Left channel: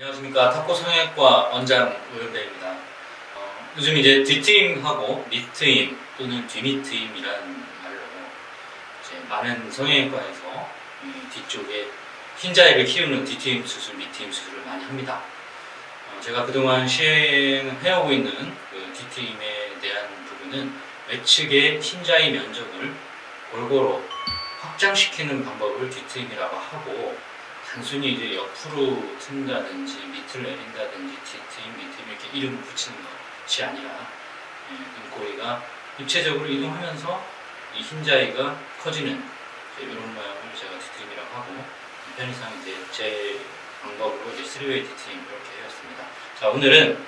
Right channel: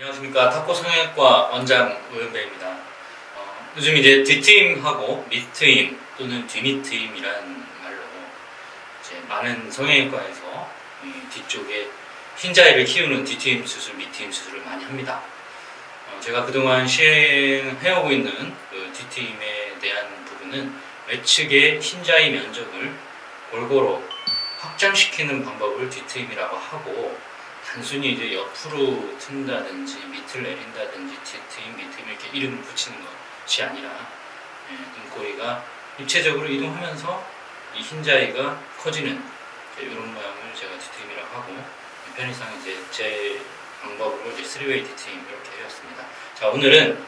안녕하십니까. 탁구 성형외과 원장 오현배입니다. 요즘 이제 뒷트임하고 밑트임 또는 뒤밑트임이라는 말로 이제 많은 성형외과에서 이 뒤쪽에 흰자위를 키우는 뒤트임 수술, 밑트임 수술을 많이 합니다. 제가 그동안 시행해오고 있는 그 뒤트임에 대한 부분은 외측의 흰자위 면적을 골고루 확장시키는 방법을 뒤트임이라고 하고, 단순히 이제 옆으로 튼다든지 밑을 내린다든지 뒤트임, 밑트임 이렇게 이름을 붙이는 것이 아니라 눈꼬리가 입체적으로 이동하면서 이 흰자위가 커지는 이런 모양을 제가 뒤트임이라고 하고, 편의상 이제 제 방법으로 이제 3웨이 뒤트임 이렇게 해왔습니다. 자, 오늘은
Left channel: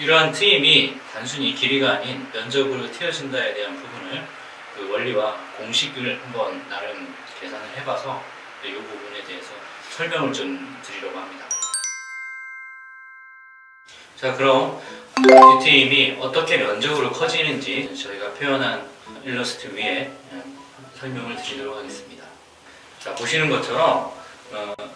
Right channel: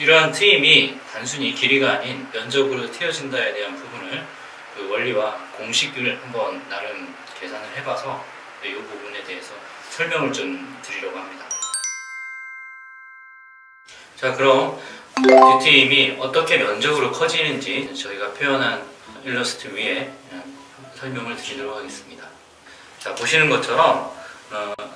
이러한 트임이 단순히 길이가 아닌 면적으로 튀어진다에 대한 부분을 그 원리와 공식을 한번 나름 계산을 해봐서 이 부분에 대해서 설명을 좀 드리려고 합니다. 자, 그럼 뒤트임이 어떻게 면적으로 커지는지 저희가 표현한 일러스트 위에 설명을 드리도록 하겠습니다. 자, 보시는 것처럼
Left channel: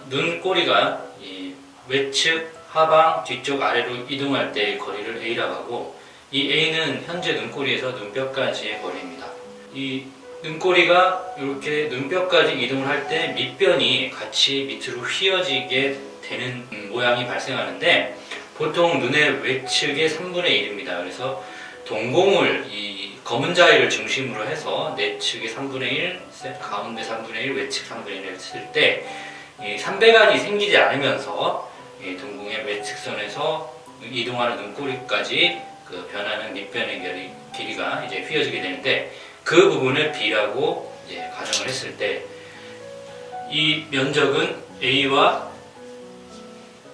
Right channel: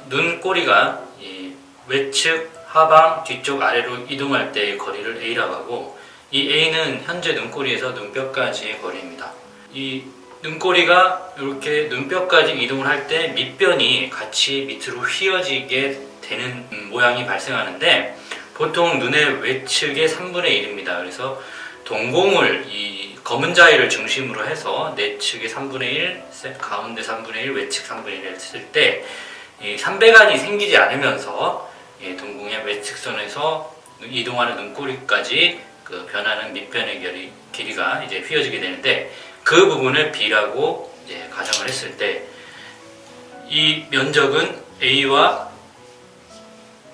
눈꼬리가 이 외측, 하방, 뒤쪽, 아래로 이동할 때의 거리를 A라고 하고, 이 A는 현재 눈꼬리에서 눈뼈까지의 거리입니다. 이 눈꼬리가 이렇게 눈뼈까지 이동을 할 때 밑변이 같이 밑으로 휘어지게 되는 모양이 발생하는데, 보통 눈의 외측의 3분의 1입니다. 그래서 동공을 이 검은 자위를 중심으로 해서 내측의 3분의 1, 가운데 3분의 1, 외측 3분의 1을 했을 때 이 삼배간이 생기지 않으면서 이 동공의 외측선에서 이동하는 눈꼬리까지 그 변하는 밑변의 길이가 이제 휘어지게 되는데, 그 부분을 B라고 이제 가정을 했을 때 이 면적은 A와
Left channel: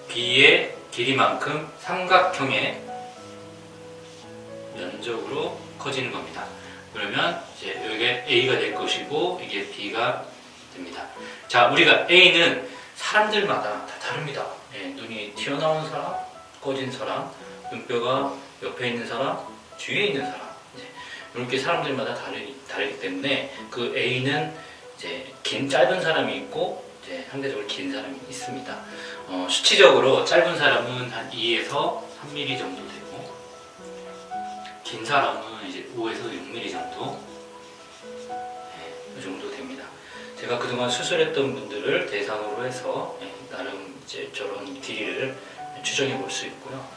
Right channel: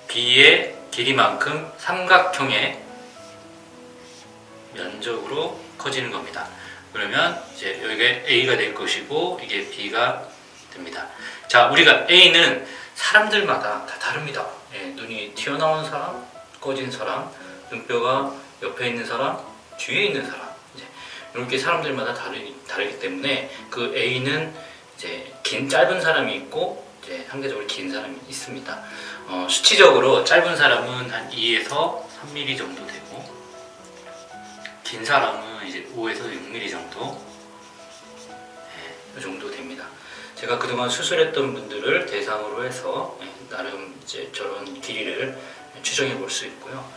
B의 길이만큼 삼각형의 면적으로 커지는 겁니다. 그러면 이제 여기가 A가 될 것이고 이게 B가 됩니다. 자, 우리가 A는 사람들마다 다 다릅니다. 눈이 튀어나온 사람, 꺼진 사람, 눈뼈가 옆에 있는 사람, 뒤에 있는 사람, 이렇게 사람들마다 다르기 때문에 그 A는 이제 짧은 사람이 있고 이제 상대적으로 긴 사람이 있습니다. 수치적으로 짧은 사람은 한 2에서 3mm 정도 되고, 긴 사람은 이제 5에서 6mm 정도, 이 정도 됩니다. 제가 그동안 수술했던 분들을 대상으로 해서 나름 이제 저런 길이를 추정해 볼 수 있고요.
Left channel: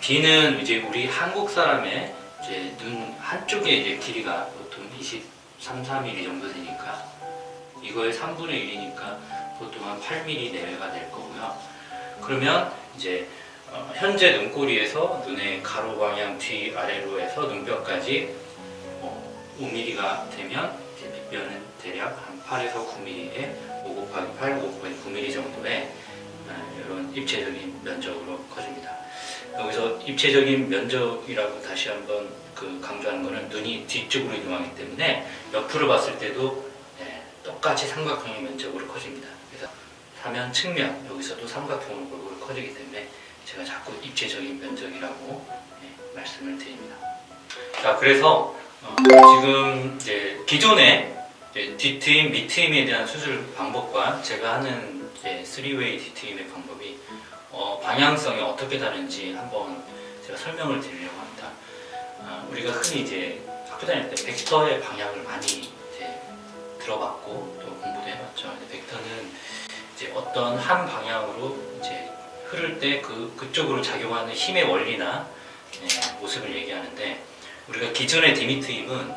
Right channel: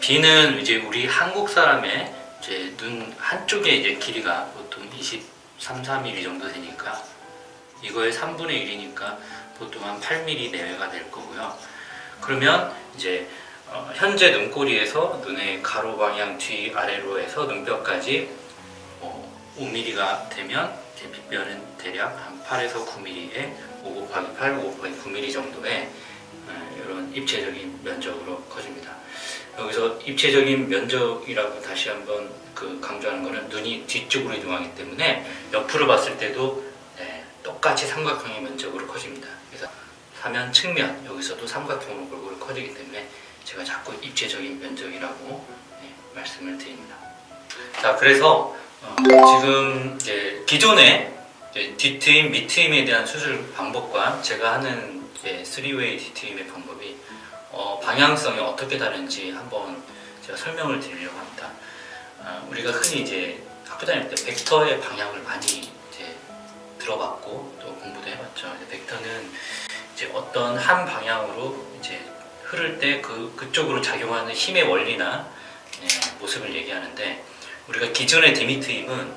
B는 이제 우리 한국 사람의 이제 눈 한쪽에 이제 길이가 보통 23, 4mm 정도 되니까 이거의 3분의 1이니까 보통 한 8mm 내외가 될 거고요. 그러면 이제 현재 눈꼬리에서 눈의 가로 방향 뒤 아래로 해서 눈뼈까지 5mm가 되면 이제 밑뼈는 대략 한 8에서 9mm에 5 곱하기 8, 5 곱하기 9mm 정도의 이런 입체적인 면적으로 커집니다. 여기서 입체적인 면적이라고 다시 한번 강조하는 것은 눈이 뒤쪽으로 이동하기 때문에 옆으로 봤을 때도 똑같이 삼각형의 면적으로 커집니다. 그래서 사면, 측면 여기서도 삼각형으로 골고루 커지기 때문에 제가 자꾸 입체적인 면적이라고 말씀을 드립니다. 자, 그래서 지금 이제 기존의 뒤트임, 밑트임에 대한 수술 방법과 제가 하는 3웨이 뒤트임의 방법이 방향성이 어떻게 다른지 한번 제가 설명을 드리려고 합니다. 우리가 흔히 이제 학교 다닐 때 벡터의 방향을 많이 이제 들어봤고 또 공부도 해봤죠. 벡터는 이제 어떤 한 방향으로 이제 흐를 때 그쪽으로 작용하는 힘의 원리나 모습을 얘기하는데, 우리가 기존의 뒤밑트임은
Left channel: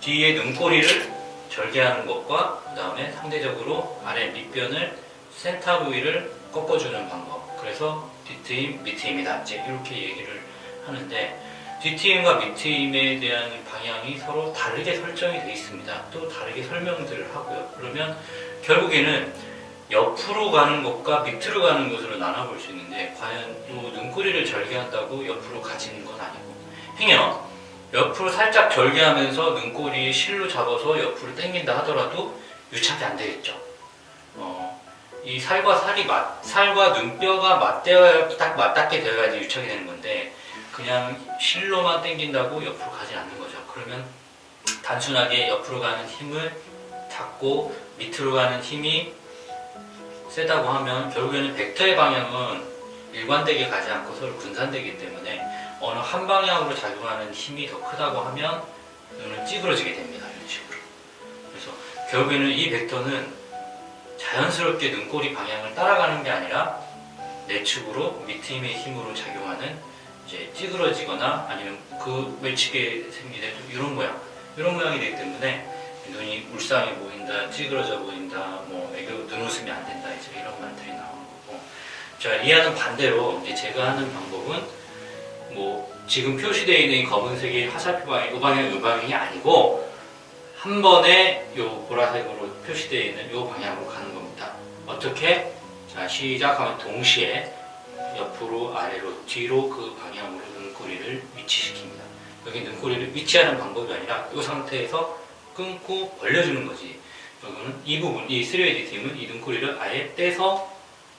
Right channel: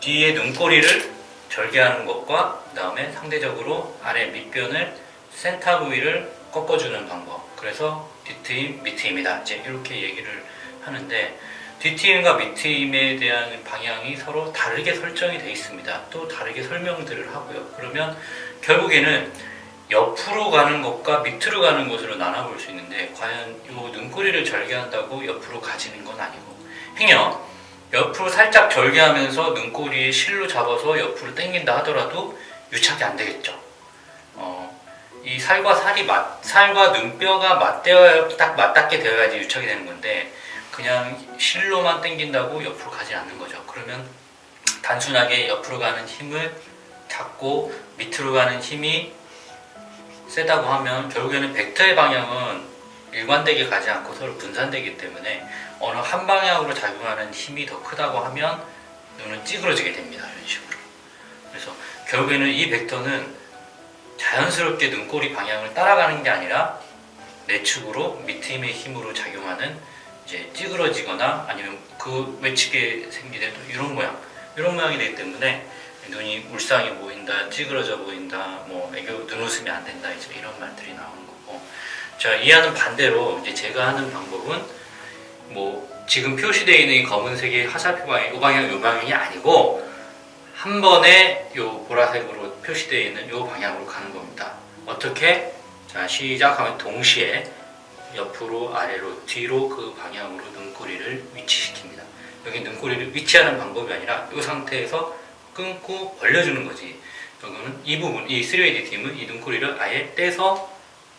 뒤에 눈꼬리를 절개하는 것과 그 다음에 상대적으로 아래 밑변을 센터 부위를 꺾어주는 방법, 그래서 뒤트임, 밑트임이다 이제 이렇게 얘기를 하는데, 뒤트임과 밑트임에 대한 방향이 서로 다르게 설정이 되어 있습니다. 또 다르게 설명들을 하고요. 그러면 결국에는 옆으로 가는 것과 밑으로 가는 것으로 나눠볼 수 있는데, 과연 이 눈꼬리를 절개한다고 옆으로 가지는 건 아니고, 행여 옆으로 살짝 절개하면서 눈꼬리에 실로 잡아서 옆으로 당긴다 하더라도 유착이 안 되겠죠. 이 살과 살과 눈뼈가 딱 맞닿게 되어야지 유착이 되는 건데, 그냥 실로만 당긴다고 옆으로 가지 않는 거죠. 그러면 단순하게 옆으로 가는 힘을 잡고 밑으로 가는 힘이 세다고 하면 결국에는 벡터의 방향은 일관되게 가지 않고 서로 분산되기 때문에 어느 한 방향으로 작용하는 힘이 더 크다고 하면 눈은 찌그러지게 됩니다. 이런 식으로. 그래서 결국에는 이 벡터는 자연스럽게 눈꼬리 방향을 따라가는 게 아니라 내축으로 밑힘의 힘으로 작용하는 이제 찌그러지거나 아니면 그 외측에 생기는 이런 모양이 되기 때문에 눈이 울상해 보인다, 찌그러져 보인다, 뭐 애교 눈웃음이 안 된다, 이제 이런 말들이 나오는 거고. 자, 이하는 반대로 이제 제가 하는 방법은 뭐 지금 표시되어 있는 이 검은색의 화살표 방향, 이 방향이 아니고 한 번에 요 보라색으로 표시되어 있는 요 방향으로 가는 겁니다. 어떻게? 자, 시작하면 동시에 옆으로, 아래로, 뒤로 그 방향으로 눈꼬리를 위치시킵니다. 여기 눈꼬리를 위치하는 방법이 아니라 이 상태에서 끊고 벌려주는 거지. 이거는 이 부분, 이 3AD 팀은 이 눈꼬리를 아예 떼서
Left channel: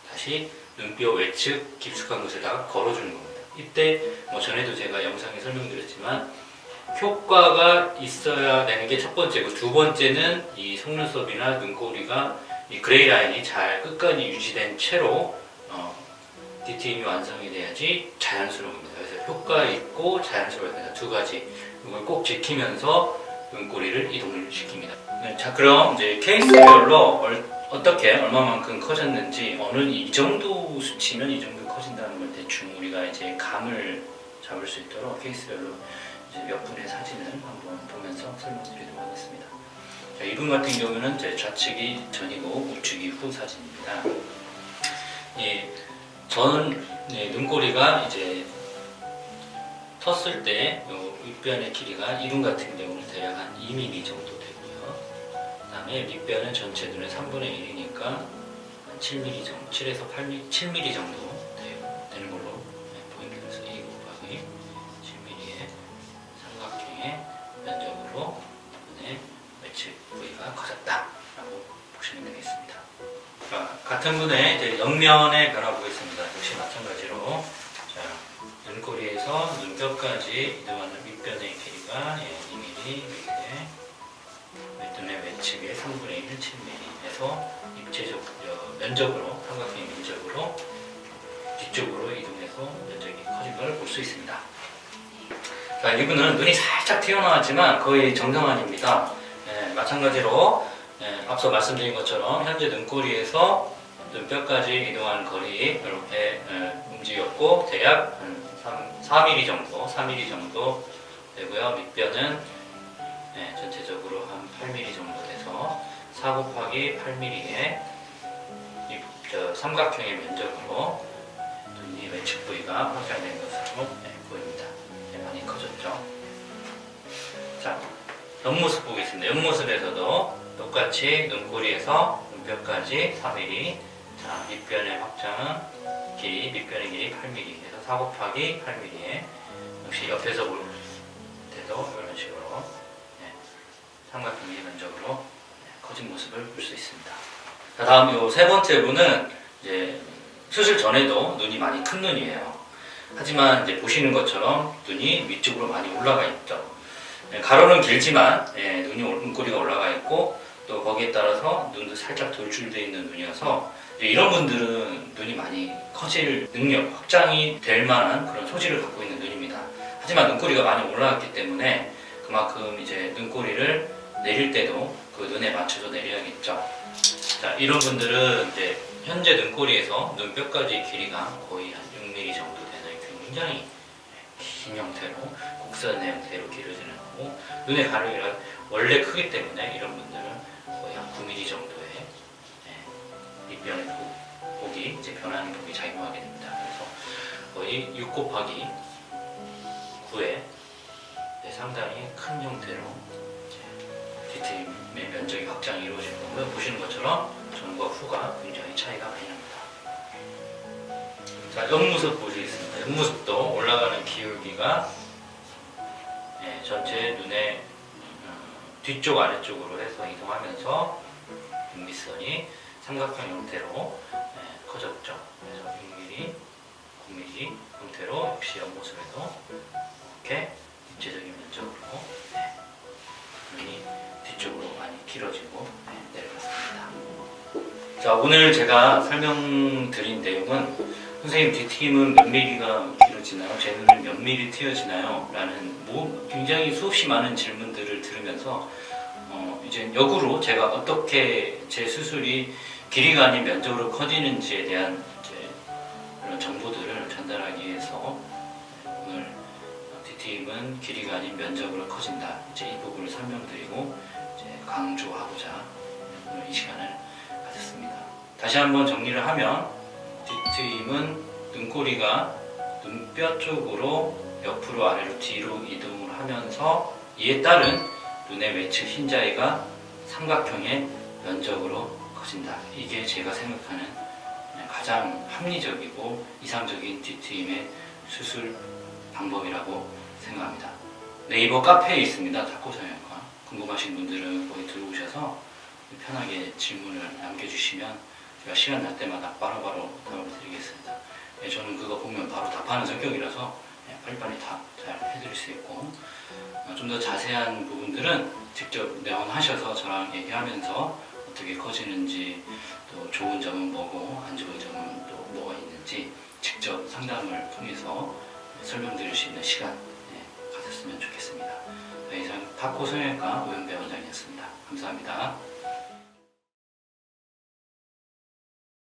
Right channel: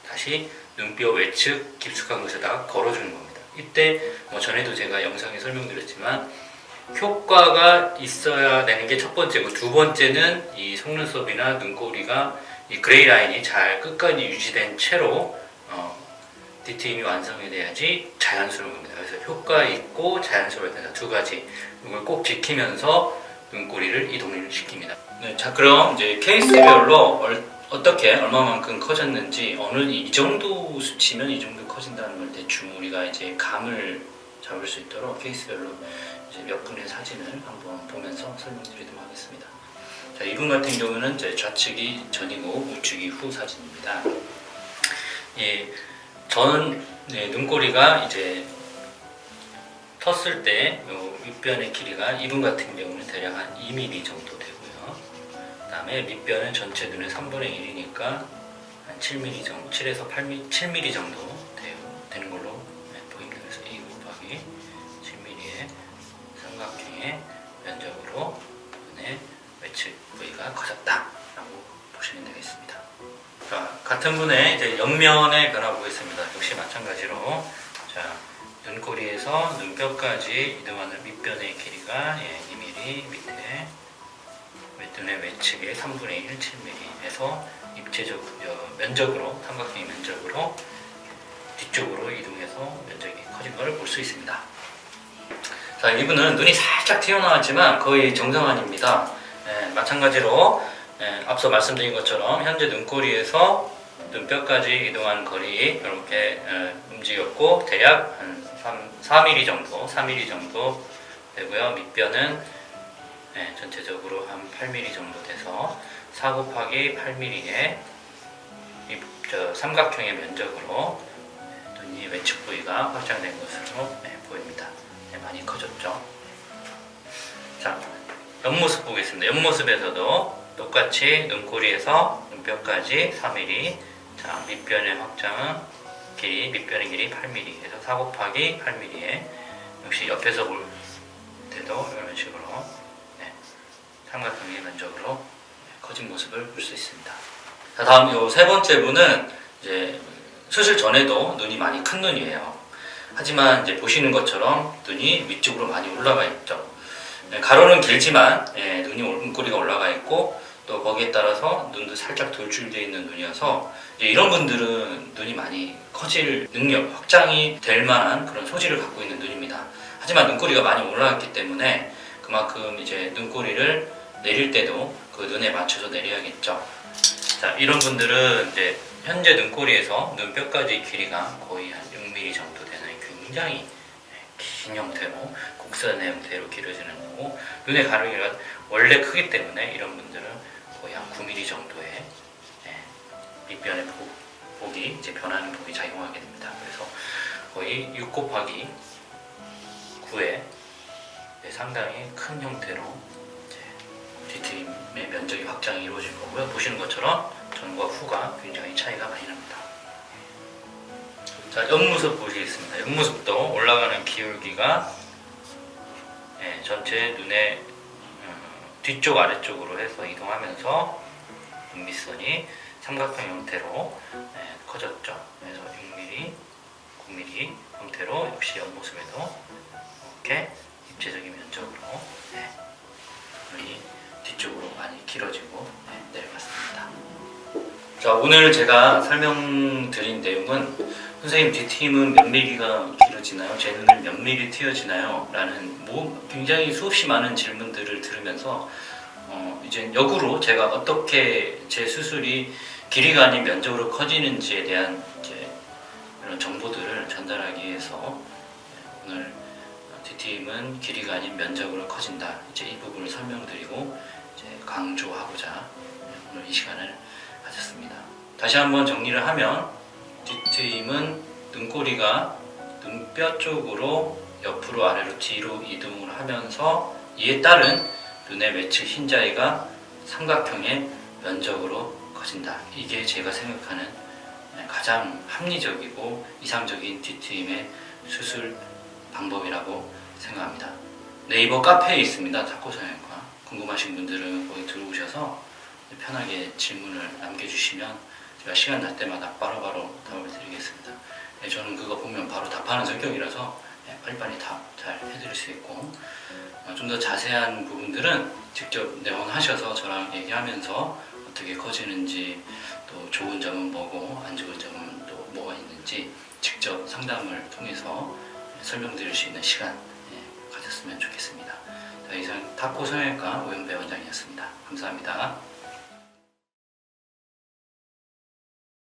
다시 눈뼈 외측 깊숙한 곳에다가 걸어주는 겁니다. 이때 뭐 전에도 제가 영상에 설명드렸지만 효과가 있어야 되는 게 첫 번째고, 두 번째는 이 속눈썹이나 눈꼬리가 이 그레이 라인이 잘 끝까지 유지된 채로 디테일이 완성이 돼야지 자연스러운 겁니다. 그래서 효과 있고 자연스러워야 된다. 두 가지. 이걸 꼭 지키면서 눈꼬리를 이동을 시킵니다. 네, 자, 그럼 이제 케이스별로 어떻게 얼마만큼 커졌는지, 어느 이 정도 수치면 이 정도 커진다는 걸 대충 우리가 이제 감을 잡을 수 있도록 케이스별로 이제 몇 분의 사진을 한번 보면서 설명드리도록 하겠습니다. 자, 이분 같은 경우는 이제 좌측이 전이고 우측이 후 사진입니다. 눈꼬리가 이제 텄을 때 윗변의 길이가 이분 같은 경우는 대략 한 2mm 정도 되고요. 그 다음에 밑변은 전체 눈의 3분의 1이니까 한 7mm 정도, 7에서 7mm 정도 되는 걸로 보입니다. 그래서 A 곱하기 7mm의 삼각형의 면적으로 눈의 외측 부위가 커졌다라고 보시면 되겠습니다. 자, 같은 분의 이제 옆면의 변화 보겠습니다. 역시 마찬가지로, 자, 눈꼬리에서 눈뼈까지 이동하는 밑변의 길이가 2mm, 밑에 눈의 외측의 3분의 1, 7mm 해서 입체적 면적으로, 삼각형의 면적으로 뒤쪽으로 이동해서 면적이 커진 걸 볼 수 있습니다. 자, 이분은 눈이 살짝 튀어나왔지만 거의 정상환입니다. 마찬가지로 앞서 말씀드린 것처럼 현재 눈꼬리에서 눈뼈까지 이동한 거리 이렇게 움직였고, 대략 한 4mm 정도 되고요. 밑변은 전체적으로 한 8mm 정도 돼서 4 곱하기 8mm의 삼각형의 면적으로 눈이 외측 부위가 확장된 것으로 보입니다. 많이 커졌죠. 자, 옆모습 보겠습니다. 옆모습에서도 똑같이 눈꼬리에서 눈뼈까지 4mm, 자, 밑변의 확장은 밑변의 길이 8mm, 그래서 4 곱하기 8mm에 역시 옆에서 볼 때도 이런 식으로 삼각형의 면적으로 커진 모습을 볼 수 있습니다. 자, 다음 요 세 번째 분은 이제 수술 전에도 눈이 많이 큰 눈이에요. 하지만 이제 보시는 것처럼 눈이 위쪽으로 많이 올라가 있죠. 가로는 길지만 눈꼬리가 올라가 있고, 또 거기에 따라서 눈도 살짝 돌출되어 있는 눈이어서 이런 분들은 눈이 많이 커질 능력, 확장이 될 만한 그런 소질을 갖고 있는 눈입니다. 하지만 눈꼬리가 많이 올라갔기 때문에 그만큼 이제 눈꼬리를 내릴 때도 그 눈에 맞춰서 내려야겠죠. 자, 이런 분들은 이제 현재 눈꼬리에서 눈뼈까지 길이가 거의 한 6mm 정도 되는 굉장히 긴 형태로, 곡선의 형태로 길어지는 거고, 눈의 가로가 원래 크기 때문에 이런 분들은 거의 한 9mm 정도의 밑변의 폭이 이제 변하는 폭이 작용하게 됩니다. 그래서 거의 6 곱하기 9의 상당히 큰 형태로 뒤트림의 면적이 확장이 이루어질 거고요. 보시는 것처럼 전과 후가 굉장히 차이가 많이 납니다. 자, 옆모습 보시겠습니다. 옆모습도 올라가는 기울기가 전체 눈의 뒤쪽 아래쪽으로 해서 이동하면서 눈밑선이 삼각형 형태로 커졌죠. 그래서 6mm, 9mm 형태로 역시 옆모습에도 이렇게 입체적인 면적으로 눈이 뒤쪽으로 많이 길어지고 내려갔습니다. 자, 오늘 제가 설명드린 내용은 선생님 뒤팀은 몇 미리가 길어지나요? 제 눈은 몇 미리 트여지나요? 라는 굉장히 수없이 많은 질문들을 들으면서 이제 역으로 제가 어떻게 제 수술이 길이가 아닌 면적으로 커지는지에 대한 이제 이런 정보들을 전달하기 위해서 오늘 뒤팀은 길이가 아닌 면적으로 커진다. 이제 이 부분을 설명드리고 이제 강조하고자 오늘 이 시간을 가졌습니다. 다시 한번 정리를 하면 뒤트임은 눈꼬리가 눈뼈 쪽으로 옆으로 아래로 뒤로 이동을 하면서 이에 따른 눈의 외측 흰자위가 삼각형의 면적으로 커진다. 이게 제가 생각하는 가장 합리적이고 이상적인 뒤트임의 수술 방법이라고 생각합니다. 네이버 카페에 있습니다. 타코성형외과. 궁금하신 분들은 거기 들어오셔서 편하게 질문을 남겨주시면 제가 시간 날 때마다 바로바로 답을 드리겠습니다. 저는 그거 보면 바로 답하는 성격이라서 빨리빨리 답 잘 해드릴 수 있고, 좀 더 자세한 부분들은 직접 내원하셔서 저랑 얘기하면서 어떻게 커지는지, 또 좋은 점은 뭐고 안 좋은 점은 또 뭐가 있는지 직접 상담을 통해서 설명드릴 수 있는 시간 가졌으면 좋겠습니다. 자, 이상 타코 성형외과 오영배 원장이었습니다. 감사합니다.